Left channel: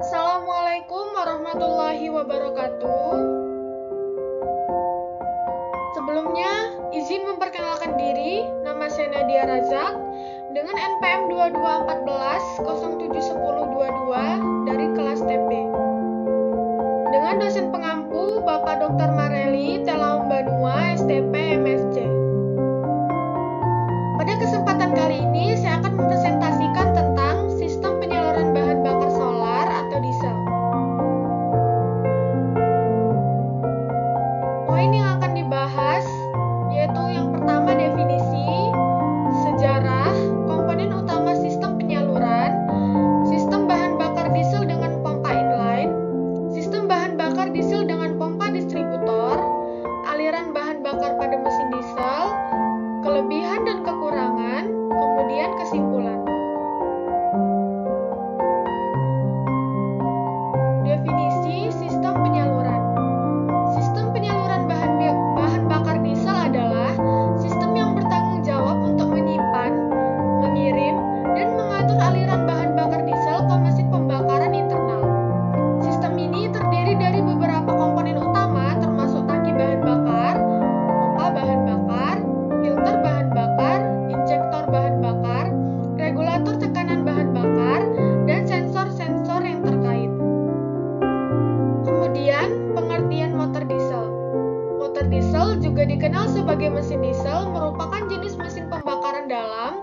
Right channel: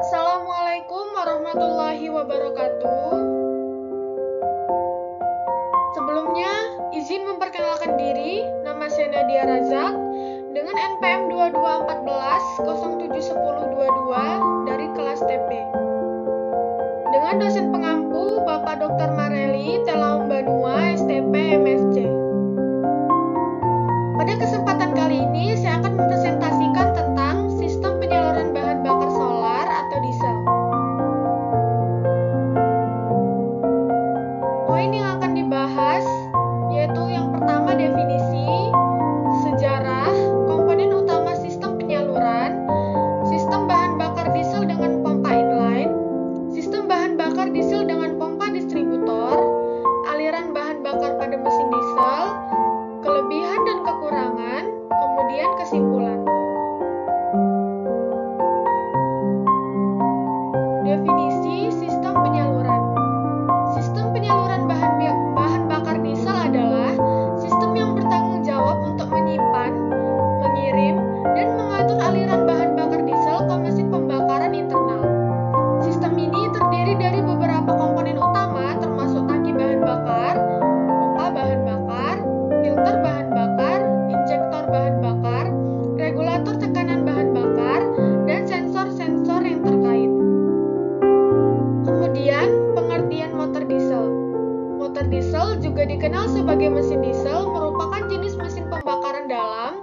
Assalamualaikum warahmatullahi wabarakatuh. Sebelumnya, izin memperkenalkan diri, nama saya Nadia Razak dengan NPM 2214071022 dari kelas TP. Dengan dosen pengampu Bapak Dr. Mareli Telaum Banua, STP MSc. Pada kesempatan kali ini, saya akan mempresentasikan tentang sistem penyaluran bahan bakar solar atau diesel. Poin yang akan dibahas yaitu yang pertama definisi, sejarah, komponen utama sistem penyaluran, sistem bahan bakar diesel dengan pompa inline, sistem bahan bakar diesel dengan pompa distributor, aliran bahan bakar pada mesin diesel, kelebihan dan kekurangan, kemudian kesimpulan. Definisi sistem penyaluran. Sistem penyaluran bahan bakar diesel adalah sistem yang bertanggung jawab untuk menyimpan, mengirim, dan mengatur aliran bahan bakar diesel ke mesin pembakaran internal. Sistem ini terdiri dari beberapa komponen utama termasuk tangki bahan bakar, pompa bahan bakar, filter bahan bakar, injektor bahan bakar, regulator tekanan bahan bakar, dan sensor-sensor yang terkait. Kemudian, pengertian motor diesel. Motor diesel juga dikenal sebagai mesin diesel merupakan jenis mesin pembakaran dalam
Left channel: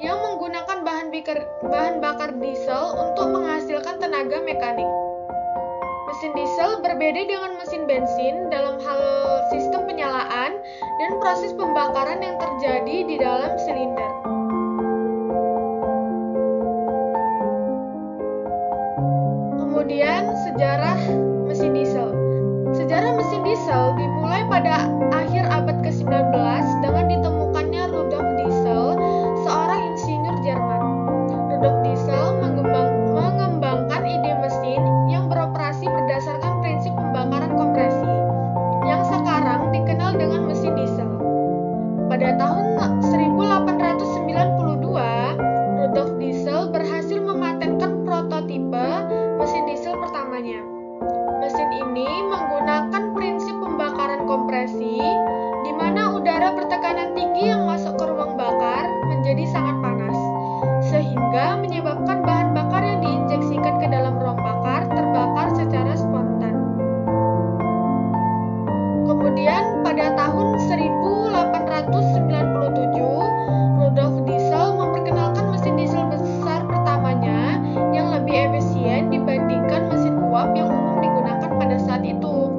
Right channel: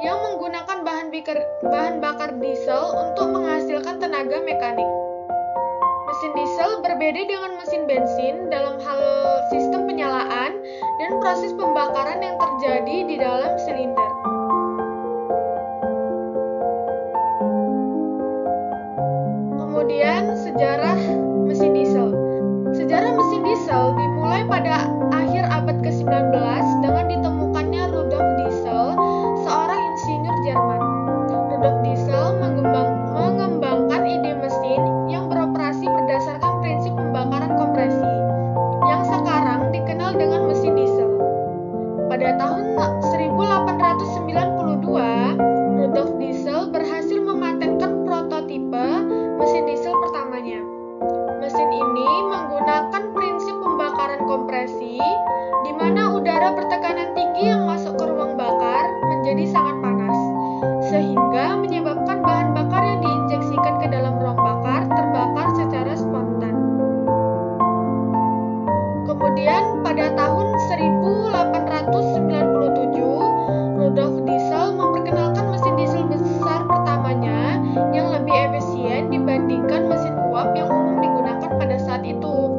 yang menggunakan bahan bakar diesel untuk menghasilkan tenaga mekanik. Mesin diesel berbeda dengan mesin bensin dalam hal sistem penyalaan dan proses pembakaran yang terjadi di dalam silinder. Kemudian, sejarah mesin diesel. Sejarah mesin diesel dimulai pada akhir abad ke-19 dengan ditemukannya Rudolf Diesel, seorang insinyur Jerman. Rudolf Diesel mengembangkan ide mesin yang beroperasi berdasarkan prinsip pembakaran kompresi, yang sekarang dikenal dengan mesin diesel. Pada tahun 1892, Rudolf Diesel berhasil mematenkan prototipe mesin diesel pertamanya. Mesin ini menggunakan prinsip pembakaran kompresi, di mana udara bertekanan tinggi yang masuk ke ruang bakar menjadi sangat panas, sehingga menyebabkan bahan bakar yang diinjeksikan ke dalam ruang bakar terbakar secara spontan. Kemudian pada tahun 1897, Rudolf Diesel memperkenalkan mesin diesel besar pertamanya yang lebih efisien dibandingkan mesin uap yang umum digunakan pada saat itu.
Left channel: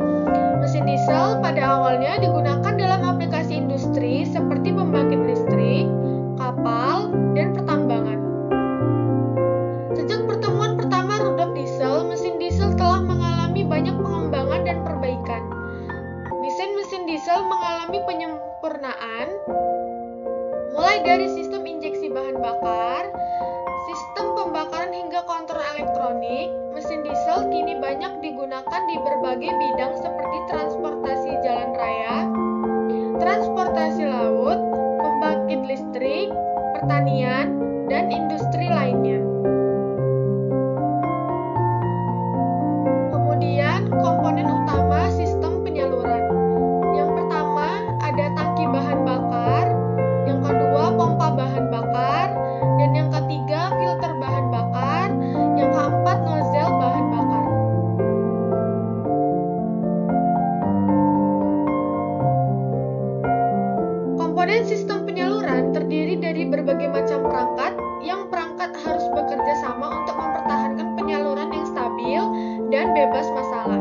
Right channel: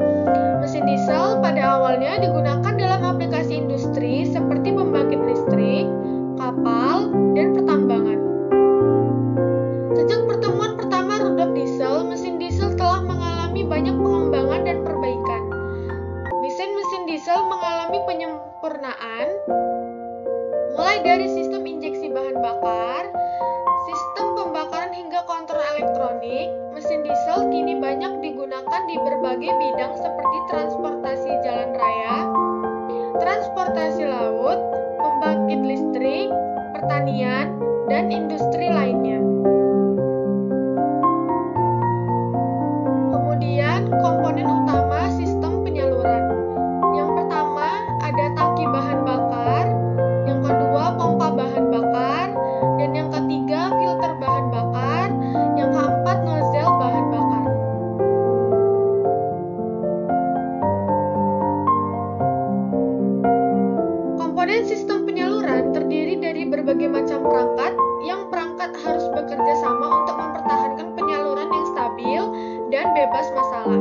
Mesin diesel pada awalnya digunakan dalam aplikasi industri seperti pembangkit listrik, kapal, dan pertambangan. Sejak pertemuan pertama Rudolf Diesel, mesin diesel telah mengalami banyak pengembangan dan perbaikan. Desain mesin diesel mengalami penyempurnaan, mulai dari sistem injeksi bahan bakar, sistem pembakaran hingga kontrol elektronik. Mesin diesel kini banyak digunakan di berbagai bidang seperti transportasi jalan raya, transportasi laut, pembangkit listrik, pertanian, dan industri lainnya. Kemudian, komponen utama sistem penyaluran. Yang pertama, ada tangki bahan bakar, yang kedua, pompa bahan bakar, dan yang ketiga, filter bahan bakar, yang keempat, nozzle bahan bakar. Komponen sistem penyaluran terdiri dari berbagai macam perangkat, yang perangkat harus bekerja sama untuk mempertahankan penyaluran yang stabil dan bebas masalah.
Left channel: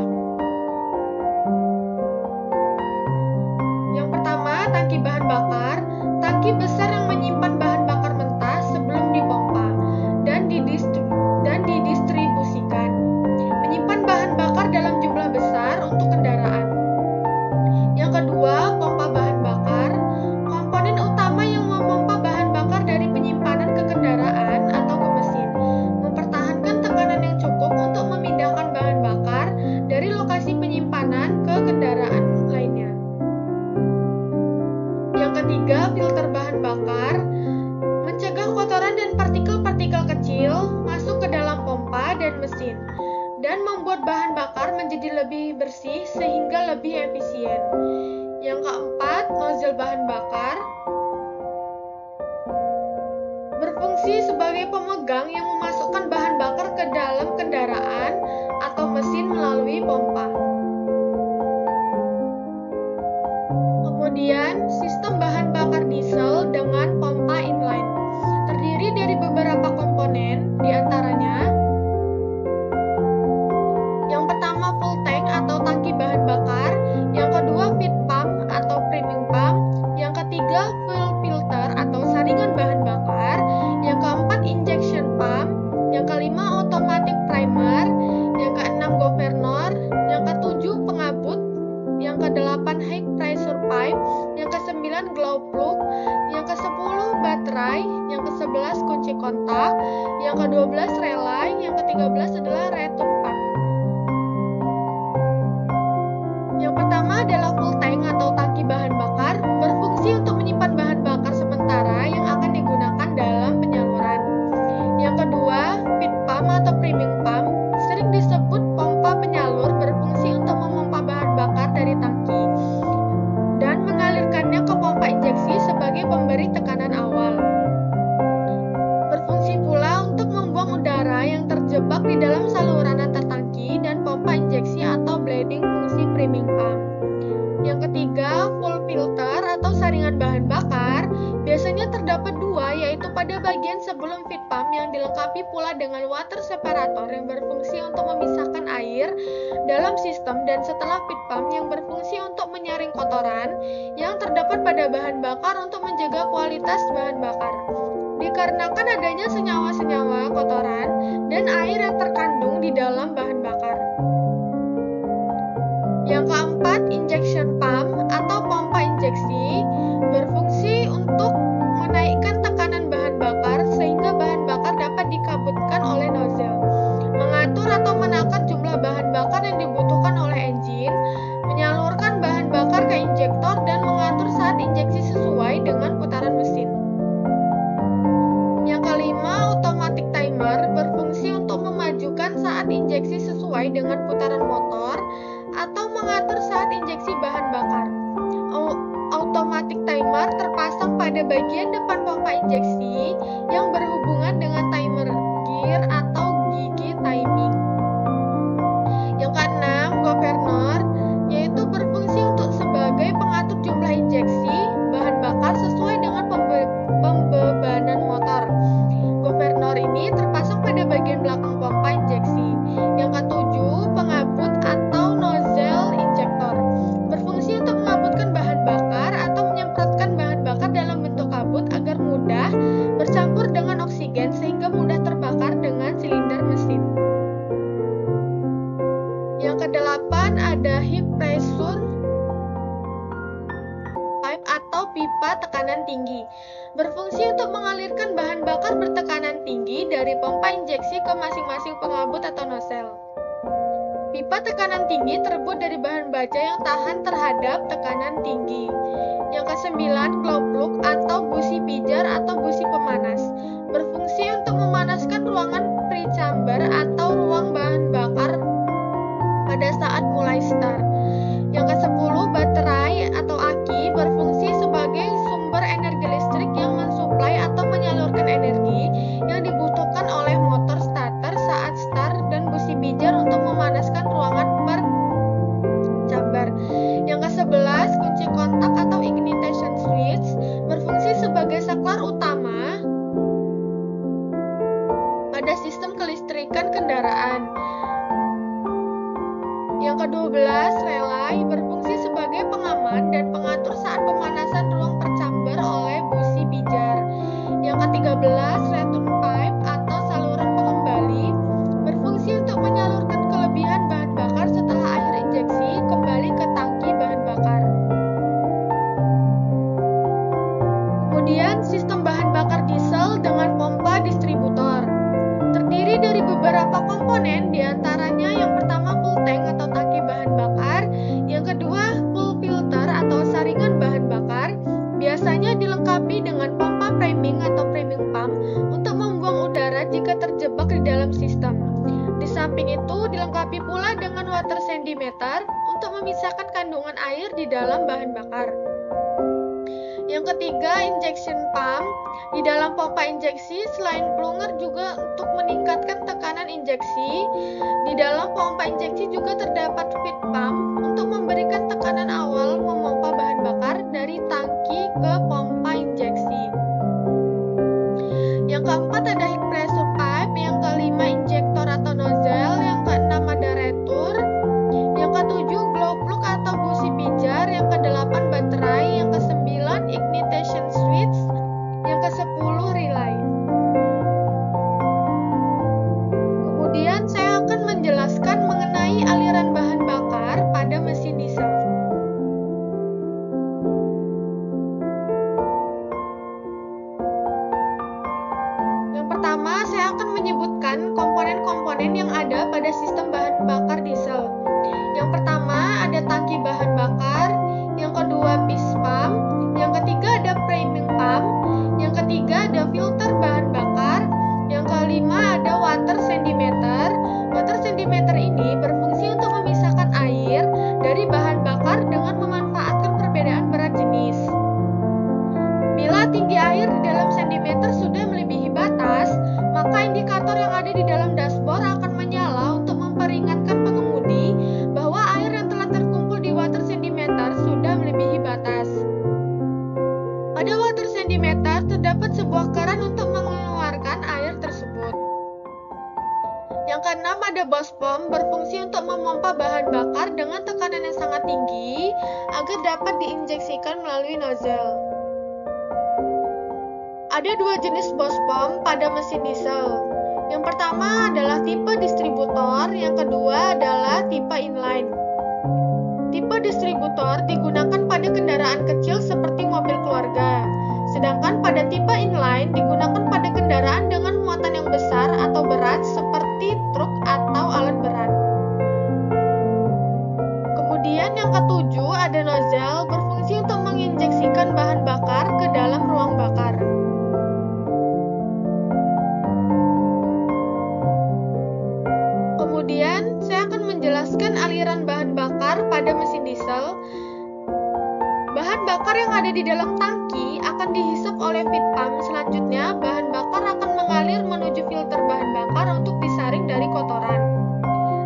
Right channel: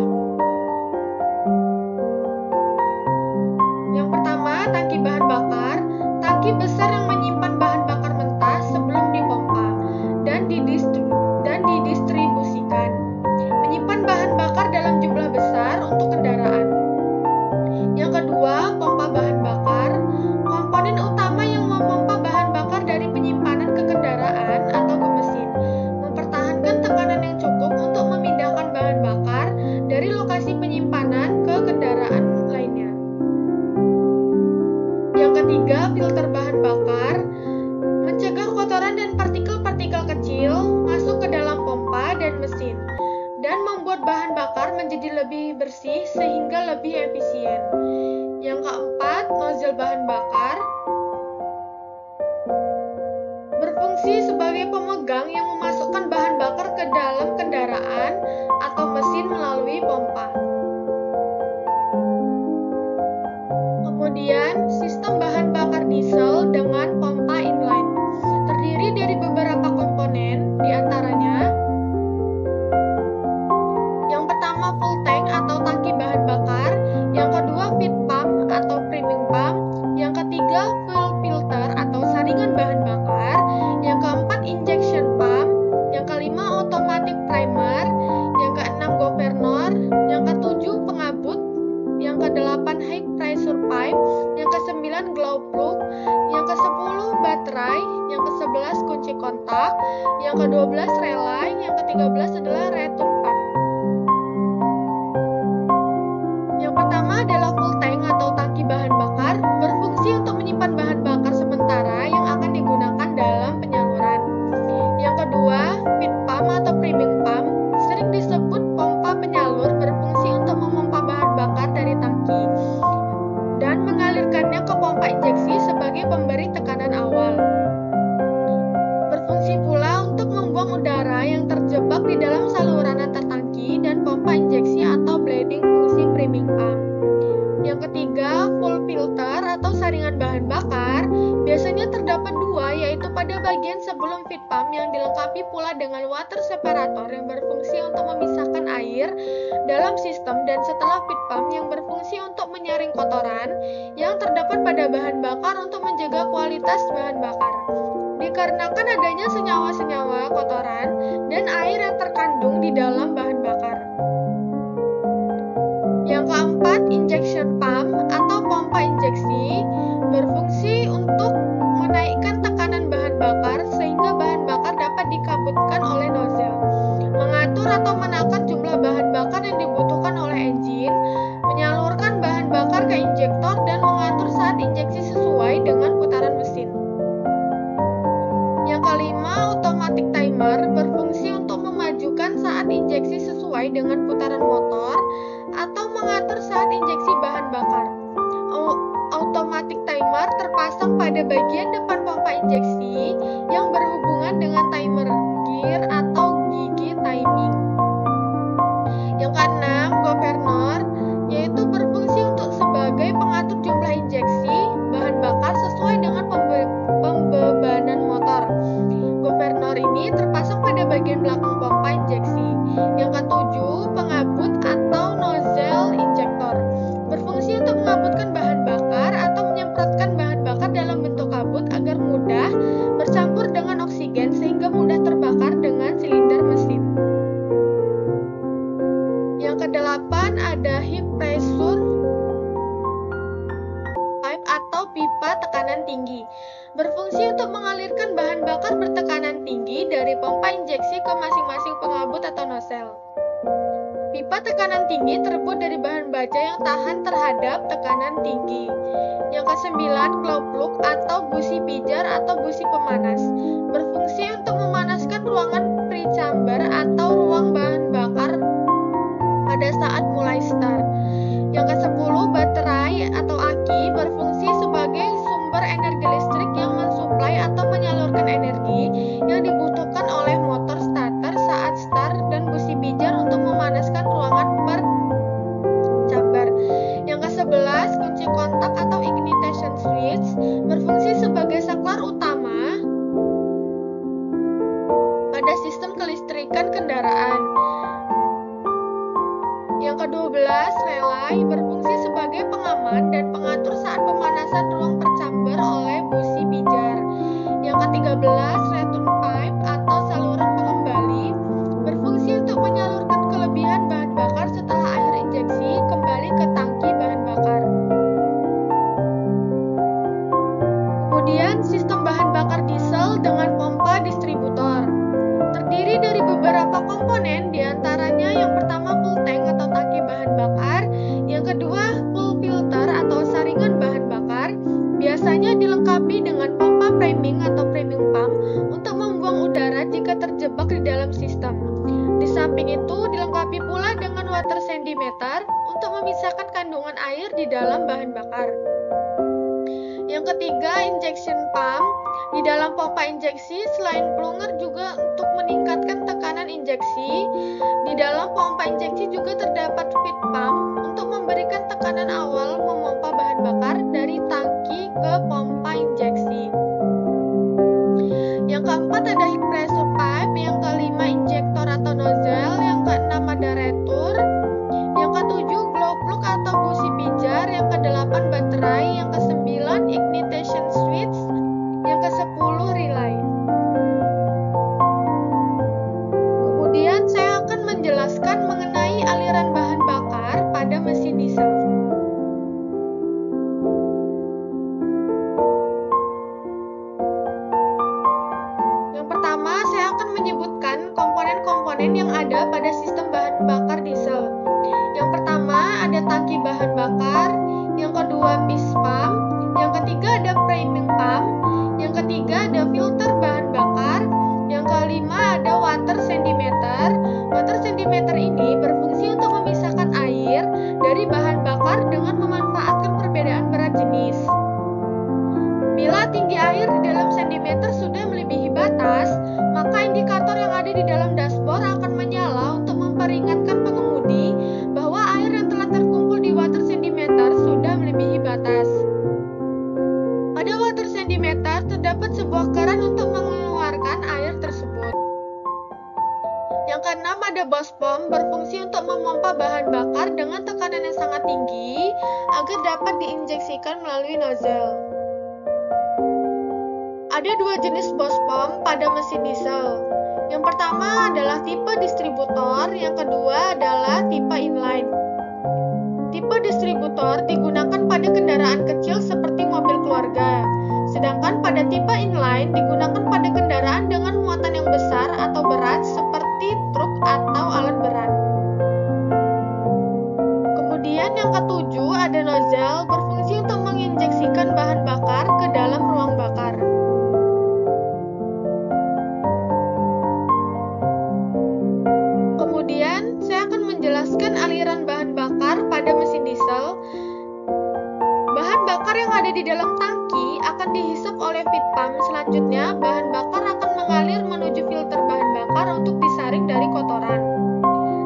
Yang pertama, tangki bahan bakar. Tangki besar yang menyimpan bahan bakar mentah sebelum dipompa dan didistribusikan. Menyimpan bahan bakar dalam jumlah besar untuk kendaraan. Yang kedua, pompa bahan bakar. Komponen utama yang memompa bahan bakar dari penyimpanan ke kendaraan atau ke mesin, mempertahankan tekanan yang cukup untuk memindahkan bahan bakar dari lokasi penyimpanan ke kendaraan lainnya. Yang ketiga, filter bahan bakar. membuat bahan bakar menjadi lebih bersih sehingga lebih efisien. Yang keempat, nozzle bahan bakar berfungsi sebagai pemegang yang memasukkan bahan bakar ke dalam kendaraan atau mesin melalui pompa. Kemudian, sistem bahan bakar diesel dengan pompa inline terdiri dari beberapa komponen, diantaranya yang pertama full tank atau tangki bahan bakar, yang kedua feed pump atau priming pump, yang ketiga fuel filter atau saringan bahan bakar, yang keempat injection pump, yang kelima automatic timer, yang keenam governor, yang ketujuh pengabut, yang kedelapan high pressure pipe, yang kesembilan glow plug, yang kesepuluh baterai, yang kesebelas kunci kontak, yang kedua-belas relay, yang ke-13 adalah return pump. Yang pertama adalah full tank atau tangki bahan bakar, berfungsi untuk menyimpan bahan bakar sementara yang akan digunakan dalam penyaluran. Yang kedua, feed pump atau priming pump, sering disebut pompa penyalur, berfungsi untuk memompa bahan bakar dari tangki dan mengalirkannya ke pompa injeksi sebagai pemberi tekanan awal. Berfungsi pula untuk membuang udara yang terjebak di dalam saluran antar tangki dan pompa injeksi atau bleeding fungsi priming pump. Yang ketiga, full filter atau saringan bahan bakar, biasanya terdapat dua, yaitu pada bagian sebelum feed pump yang dilengkapi pula dengan water separator yang berfungsi untuk memisahkan air dalam sistem, dan setelah feed pump yang berfungsi untuk menyaring kotoran yang terdapat pada bahan bakar untuk menjaga kualitas bahan bakar. Dikarenakan adanya senyawa-senyawa kotoran dan air yang terkandung di dalam bahan bakar. Yang keempat, injection pump atau pompa injeksi, berfungsi untuk menaikkan tekanan bahan bakar sehingga bahan bakar dapat dikabutkan oleh nozzle, mengatur atau menakar jumlah bahan bakar yang dibutuhkan oleh engine, menyalurkan bahan bakar ke injektor, dan mengatur saat injeksi sesuai dengan putaran mesin. Yang kelima, automatic timer, berfungsi untuk memajukan saat injeksi sesuai dengan putaran motor atau mengatur saat injeksi bahan bakar. Automatic timer terpasang pada bagian depan pompa injeksi yang berhubungan dengan timer gear atau gigi timing. Yang keenam, governor, yaitu berfungsi untuk sebagai pengatur jumlah injeksi bahan bakar sesuai dengan pembebanan motor. Governor ini terpasang pada bagian belakang pompa injeksi. Yang ketujuh, pengabut atau nozzle injector, berfungsi untuk mengabutkan bahan bakar atau menyemprotkan bahan bakar dalam bentuk kabut agar mudah bercampur dengan oksigen sehingga mudah terbakar dengan silinder mesin. Yang kedelapan ada high pressure pipe atau pipa tekanan tinggi, berfungsi untuk mengalirkan bahan bakar bertekanan tinggi dari pompa injeksi ke masing-masing pengabut atau nozzle. Pipa tekanan tinggi terbuat dari bahan baja yang tahan terhadap tekanan tinggi. Yang kesembilan, glow plug atau busi pijar atau busi pemanas, berfungsi untuk memanaskan ruangan pre-chamber atau ruang bahan bakar pada saat mulai start. Yang ke-10, baterai atau aki, berfungsi sebagai sumber energi listrik yang mensuplai atau menyalurkan energi yang dibutuhkan oleh motor starter saat start, dan busi pijar untuk memanaskan ruangan per chamber. Yang ke-11, kunci kontak atau ignition switch, berfungsi sebagai saklar utama pada sistem kelistrikan kendaraan. Yang ke-12, relay, berfungsi sebagai pengaman dan pengatur saat pemanasan ruang per chamber oleh busi pijar. Yang ke-13, return pipe atau saluran pengembali, berfungsi untuk menyalurkan kelebihan bahan bakar setelah akhir injeksi kembali ke tangki bahan bakar. Kemudian, sistem bahan bakar diesel dengan pompa distributor terdiri dari beberapa komponen, diantaranya yang pertama full tank atau tangki bahan bakar, yang kedua full filter atau saringan bahan bakar, biasanya dilengkapi dengan pompa priming atau priming pump untuk membuang udara jika terjebak di dalam sistem. Di samping itu dilengkapi pula dengan water centimeter untuk memisahkan kandungan air di dalam bahan bakar. Yang ketiga, injection pump. Di dalam pompa injeksi, selain plunger juga untuk meningkatkan tekanan injeksi. Di dalam pompa injeksi juga terdapat feed pump untuk memberikan tekanan awal memompa bahan bakar dari tangki ke pompa injeksi. Yang keempat ada heat pressure pipe, yang kelima injektor atau nozzle, yang keenam ada retur, yang ketujuh glow plug atau busi pijar, yang kedelapan baterai, yang kesembilan ignition switch, yang kesepuluh relay. Kemudian saya akan menjelaskan mengenai aliran bahan bakar pada mesin diesel. Pertama, saya akan menyebutkan komponen-komponen yang ada pada sistem bahan bakar diesel. Yang pertama, ada tangki bahan bakar. Yang kedua, piston pump. Yang ketiga, ada priming pump. Yang ketiga, ada filter bahan bakar. Yang kelima, ada water centimeter. Water centimeter ini berfungsi untuk memisahkan air dari bahan bakar dengan memanfaatkan perbedaan berat jenis. Bila tinggi air di dalam sentimeter sudah melebihi batas, maka indikator yang ada di dalam dashboard akan menyala untuk memperingatkan pengemudi bahwa air yang telah terkumpul di water centimeter sudah melebihi batas. Pada water centimeter terdapat sebuah keran untuk mengeluarkan air tersebut. Yang keenam ada bus pump, berfungsi untuk memompa bahan bakar dengan tekanan yang sangat tinggi agar dapat diinjeksikan melalui nozzle. Ada dua jenis bus pump pada mesin diesel. Yang pertama adalah tipe distributor, yang kedua adalah tipe inline. Tipe distributor digunakan pada kendaraan kecil seperti mobil keluarga, sedangkan pada tipe inline digunakan pada kendaraan dengan muatan yang besar atau berat seperti truk atau alat berat. Kemudian yang ketujuh ada nozzle, berfungsi untuk menginjeksikan bahan bakar ke dalam ruang bakar. Kemudian, saya akan menjelaskan aliran bahan bakar pada mesin diesel. Bahan bakar yang ada di dalam tangki akan dihisap oleh feed pump. Selanjutnya, bahan bakar akan mengalir menuju filter bahan bakar untuk disaring dari kotoran.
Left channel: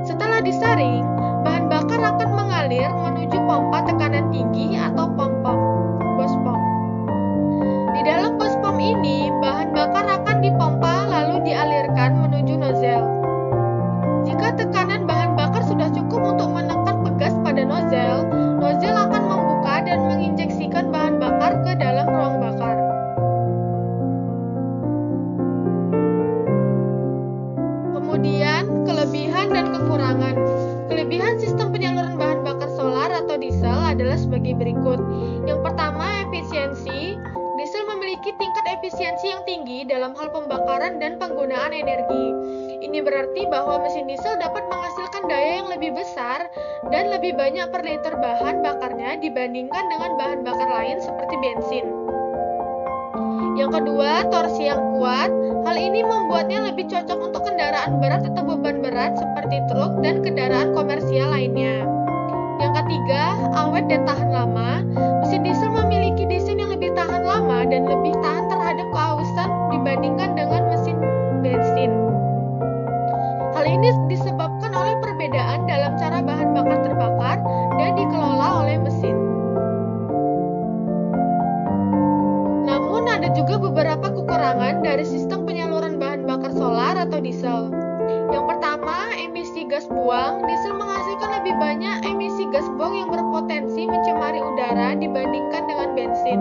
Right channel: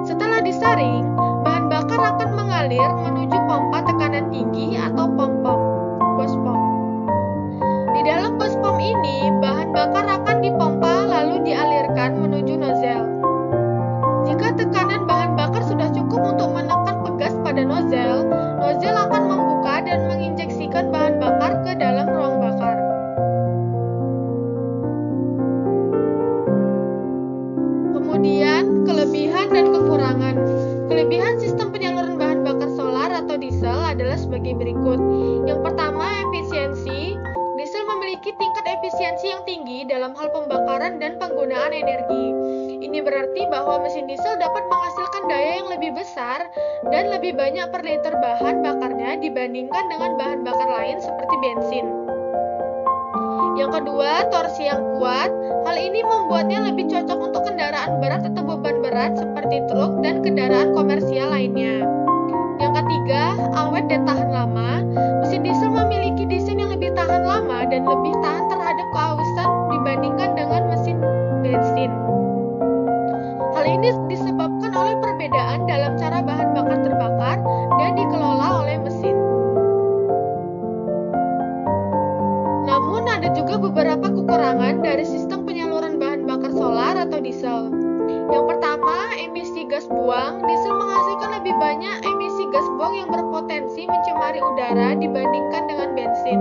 Setelah disaring, bahan bakar akan mengalir menuju pompa tekanan tinggi atau bus pump. Di dalam bus pump ini, bahan bakar akan dipompa lalu dialirkan menuju nozzle. Jika tekanan bahan bakar sudah cukup untuk menekan pegas pada nozzle, nozzle akan membuka dan menginjeksikan bahan bakar ke dalam ruang bakar. Kemudian, kelebihan dan kekurangan. Kelebihan sistem penyaluran bahan bakar solar atau diesel adalah sebagai berikut. Yang pertama, efisiensi. Diesel memiliki tingkat efisiensi yang tinggi dalam hal pembakaran dan penggunaan energi. Ini berarti bahwa mesin diesel dapat menghasilkan daya yang lebih besar dan lebih banyak per liter bahan bakarnya dibandingkan dengan bahan bakar lain seperti bensin. Yang kedua, torsi yang kuat. Hal ini membuatnya lebih cocok untuk kendaraan berat atau beban berat seperti truk dan kendaraan komersial lainnya. Yang ketiga, awet dan tahan lama. Mesin diesel memiliki desain yang lebih tahan lama dan lebih tahan terhadap kehausan dibandingkan dengan mesin bensin. Hal ini disebabkan oleh perbedaan dalam cara bahan bakar terbakar dan dikelola oleh mesin. Namun ada juga beberapa kekurangan dari sistem penyaluran bahan bakar solar atau diesel. Yang pertama, emisi gas buang. Diesel menghasilkan lebih banyak emisi gas buang yang berpotensi mencemari udara dibandingkan dengan bensin.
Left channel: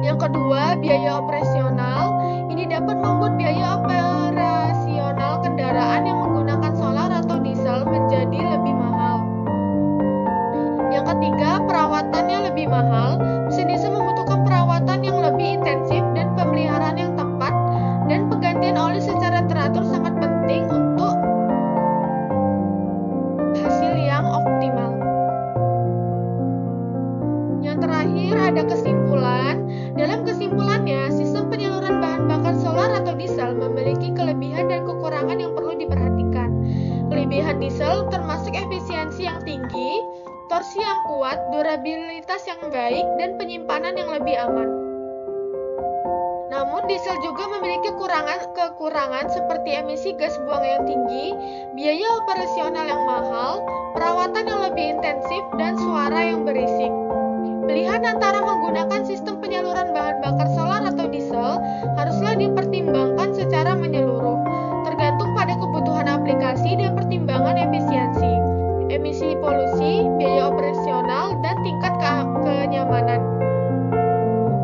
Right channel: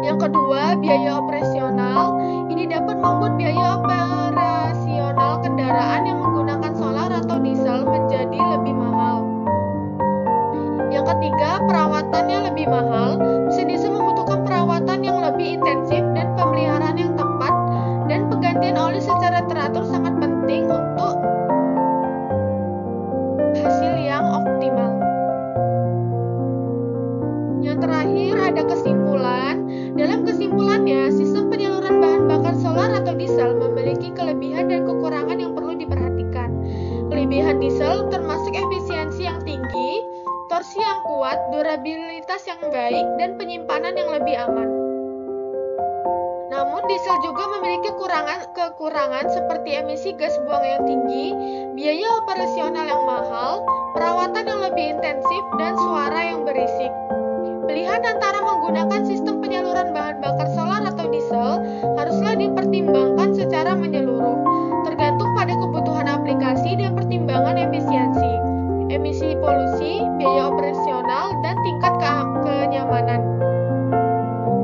Yang kedua, biaya operasional. Ini dapat membuat biaya operasional kendaraan yang menggunakan solar atau diesel menjadi lebih mahal. Yang ketiga, perawatannya lebih mahal. Mesin diesel membutuhkan perawatan yang lebih intensif dan pemeliharaan yang tepat, dan penggantian oli secara teratur sangat penting untuk hasil yang optimal. Yang terakhir ada kesimpulan. Dalam kesimpulannya, sistem penyaluran bahan bakar solar atau diesel memiliki kelebihan dan kekurangan yang perlu diperhatikan. Kelebihan diesel termasuk efisiensi yang tinggi, torsi yang kuat, durabilitas yang baik, dan penyimpanan yang lebih aman. Namun, diesel juga memiliki kekurangan seperti emisi gas buang yang tinggi, biaya operasional yang mahal, perawatan yang lebih intensif, dan suara yang berisik. Pilihan antara menggunakan sistem penyaluran bahan bakar solar atau diesel haruslah dipertimbangkan secara menyeluruh, tergantung pada kebutuhan aplikasi dan pertimbangan efisiensi, emisi polusi, biaya operasional, dan tingkat kenyamanan.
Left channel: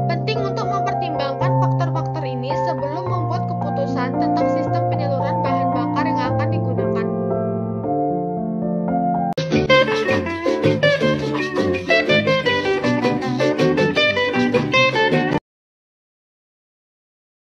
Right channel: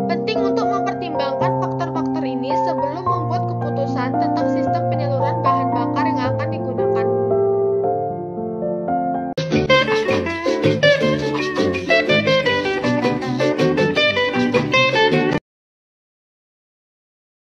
Penting untuk mempertimbangkan faktor-faktor ini sebelum membuat keputusan tentang sistem penyaluran bahan bakar yang akan digunakan.